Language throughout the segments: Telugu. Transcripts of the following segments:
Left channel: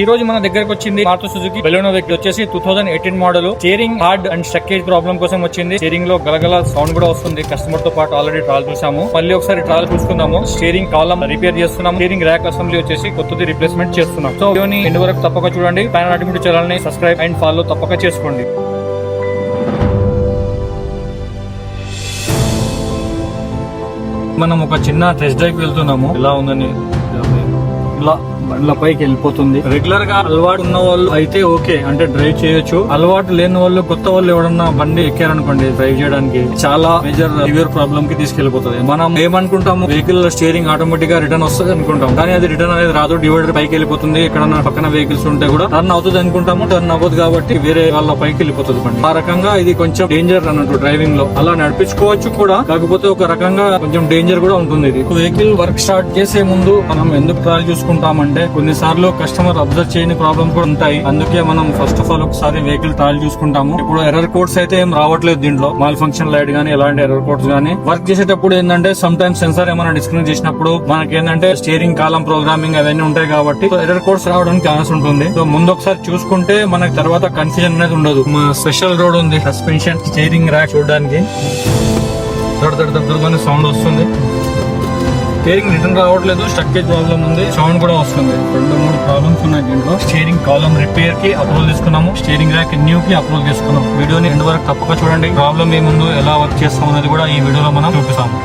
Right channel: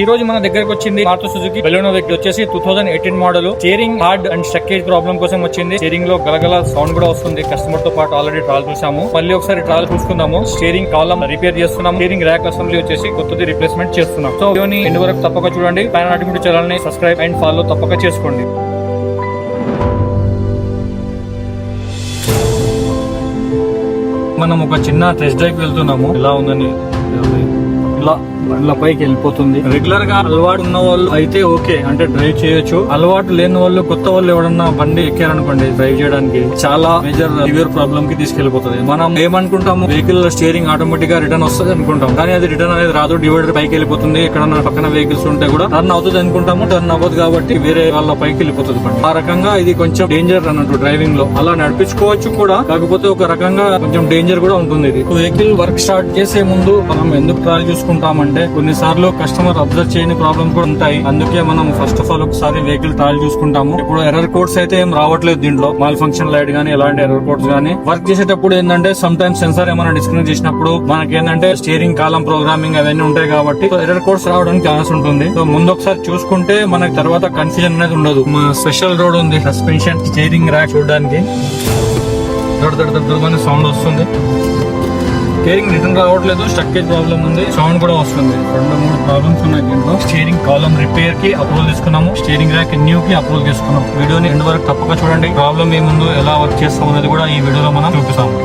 ఈ రోజు మన దగ్గరకు వచ్చింది మారుతి సుజుకి బెలెనో వెహికల్ వచ్చేసి 2018 మోడల్. స్టీరింగ్ హార్డ్ అండ్ స్ట్రక్కేజ్ ప్రాబ్లం కోసం వచ్చింది. స్టీరింగ్ లో గలగల సౌండ్ కూడా వస్తుంది. కస్టమర్ తో పాటు ఆల్రెడీ ట్రాల్ చూసాము. మళ్ళీ ఒకసారి ట్రాల్ చూసుకుందాము. స్టీరింగ్ కాలమ్ రిపేర్ చేస్తున్నాము. స్టీరింగ్ ర్యాక్ అసెంబ్లీ వచ్చేసి కొత్తది రిప్లేస్మెంట్ చేస్తున్నాం. సో వీడియోని ఎండ్ వరకు తప్పక చూడండి. పైన ఆటోమేటిక్ ఛానల్ ని సబ్స్క్రైబ్ అండ్ ఫాలో తప్పక చేసుకోండి. మనం ఒక చిన్న టెస్ట్ డ్రైవ్ వెళ్తున్నాము. ఎలా ఉందని ఇలా బండ్ల పైకి వెళ్ళిపోతుంది. రెగ్యులర్ గా అలవాటు ఉన్న వాళ్ళు అయితే ఓకే, అంటే డ్రైవ్ చేయొచ్చు. అలవాటు లేని వాళ్ళు, కొత్త వాళ్ళు ఎవరన్నా బండి ఎక్కారనుకోండి డ్రైవ్ చేయడానికి చాలా మేజర్ సివియర్ ప్రాబ్లమ్ కి తీసుకెళ్లిపోతుంది. మనం ఏమనుకుంటాము, వెహికల్ స్టీరింగ్ ఆటోమేటిక్ గా రిటర్న్ వస్తుంది అనుకుంటాం, కానీ అది రిటర్న్ అనేది రాదు. డివైడర్ పైకి వెళ్ళిపోతుంది. ఎక్కడన్నా పక్కన వెహికల్స్ ఉంటే కూడా టర్న్ అవుతుంది అనుకుంటాము, టర్న్ అవ్వదు కాబట్టి వేరే వాళ్ళ పైకి వెళ్ళిపోతుంది బండి. ఆ రకంగా ఇది కొంచెం డేంజర్ అన్నట్టు డ్రైవింగ్ లో. అలా నడిపించుకోవచ్చు కూడా, కాకపోతే ఒక రకంగా కొంచెం డేంజర్ కూడా ఉంటుంది. ఇది వెహికల్ వర్క్ స్టార్ట్ చేసే ముందు మనం ఎందుకు ట్రాల్ చూసుకుంటామంటే, కొన్నిసార్లు కస్టమర్ అబ్జర్వ్ చేయని ప్రాబ్లమ్స్ కూడా ఉంటాయి. అందుకే మనం ఫస్ట్ ఆఫ్ ఆల్ ఒకసారి వెహికల్ ట్రాయల్ చూసుకుంటాము. ఇప్పుడు ఎర్రర్ కోడ్స్ అయితే ఏం రావట్లేదు దీంట్లో. మాల్ ఫంక్షన్ లైట్ గానీ ఎలాంటి ఎర్రర్ కోడ్స్ గానీ. వర్క్ చేసేటప్పుడు ఏంటంటే సమ్ టైమ్స్ సెన్సార్ ఏమైనా డిస్కనెక్ట్ చేసినప్పుడు మనకి ఏంటంటే స్టీరింగ్ కాలం ప్రోగ్రామింగ్ అవన్నీ ఉంటాయి కాబట్టి ఎర్రర్ కోడ్స్ రావడానికి ఛాన్స్ ఉంటుంది. సో ముందు ఒకసారి చూసుకుంటే మనకి తర్వాత కన్ఫ్యూజన్ అనేది ఉండదు. స్పెషల్ రోడ్ ఉంది సస్పెన్షన్ స్టీరింగ్ ర్యాక్ చూడడానికి. దొడ్డ సౌండ్ వస్తుంది. స్టీరింగ్ రిటర్న్ రావట్లేదు, స్ట్రక్కేజ్ ప్రాబ్లం ఉంది, సౌండ్ కూడా వస్తుంది. 2-3 ప్రాబ్లమ్స్ ఉన్నాయి దీంట్లో. స్టీరింగ్ కాలమ్ రిపేర్ కి అప్రూవల్ తీసుకున్నాము. స్టీరింగ్ ర్యాక్ న్యూ కి అప్రూవల్ తీసుకున్నాం. వీడియోని ఎండ్ వరకు తప్పక చూడండి. ప్రాబ్లం ఏముందో, ఎలా వర్క్ చేస్తాం అనేది కూడా ఈ వీడియోలో మనం చూపిస్తాము.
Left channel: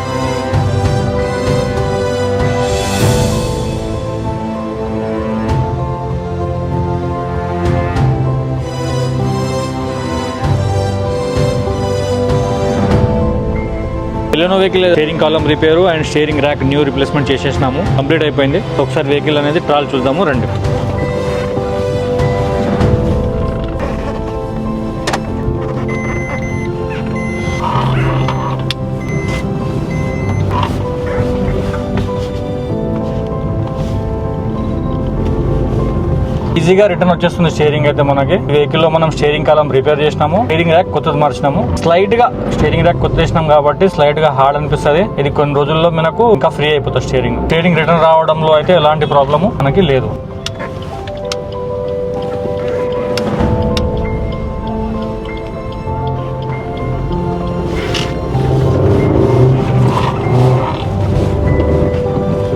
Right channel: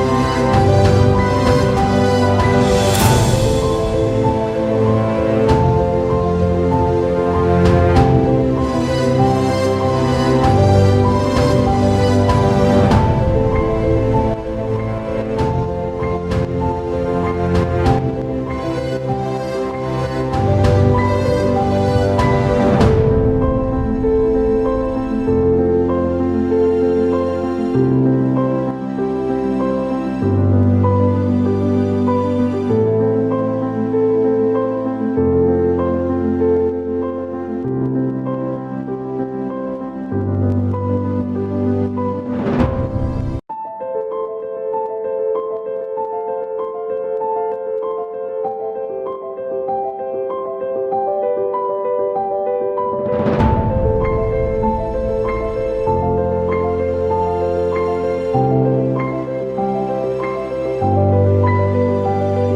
Baleno vehicle steering column repair and steering rack new replacement చేసేసినాము. కంప్లీట్ అయిపోయింది. ఒకసారి వెహికల్ అనేది ట్రాల్ చూద్దాము రండి. ఈజీగా రిటర్న్ వచ్చేస్తుంది స్టీరింగ్ అయితే మనకి. వెహికల్ లో మనం స్టీరింగ్ కాలం రిపేర్ చేసినాము. స్టీరింగ్ ర్యాక్ కొత్తది మార్చినాము. స్లైట్ గా స్టీరింగ్ ర్యాక్ కొత్త చేసినాం కాబట్టి స్లైట్ గా హార్డ్ అనిపిస్తుంది. ఇది కొన్ని రోజుల్లో మనకు ఇంకా ఫ్రీ అయిపోతుంది. స్టీరింగ్ రిటర్న్ రావడంలో అయితే ఎలాంటి ప్రాబ్లము మనకి లేదు.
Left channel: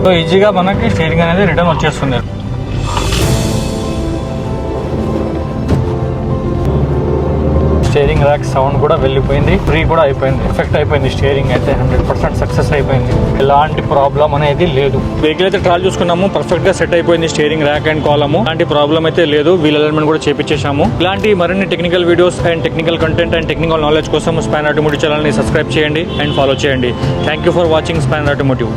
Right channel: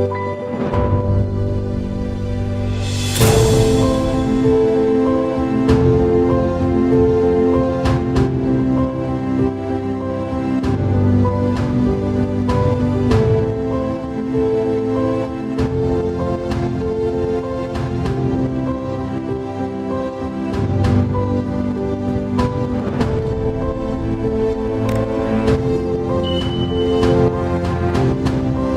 సో ఈజీగా మనకి స్టీరింగ్ అనేది రిటర్న్ వచ్చేస్తుంది. స్టీరింగ్ ర్యాక్ సౌండ్ కూడా వెళ్ళిపోయింది. ఫ్రీ కూడా అయిపోయింది. ఎఫెక్ట్ అయిపోయింది. స్టీరింగ్ అయితే 100% సక్సెస్ అయిపోయింది. ఎలాంటి ప్రాబ్లం అనేది లేదు. వెహికల్ అయితే ట్రాల్ చూసుకున్నాము. పర్ఫెక్ట్ గా సెట్ అయిపోయింది స్టీరింగ్ ర్యాక్ అండ్ కాలము. ఎలాంటి ప్రాబ్లం అయితే లేదు. వీల్ అలైన్మెంట్ కూడా చేపించేసాము. ఇలాంటి మరిన్ని technical videos and technical content and technical knowledge కోసం స్పాన్ ఆటోమోటివ్ ఛానల్ ని సబ్స్క్రైబ్ చేయండి అండ్ ఫాలో చేయండి. Thank you for watching span automotive.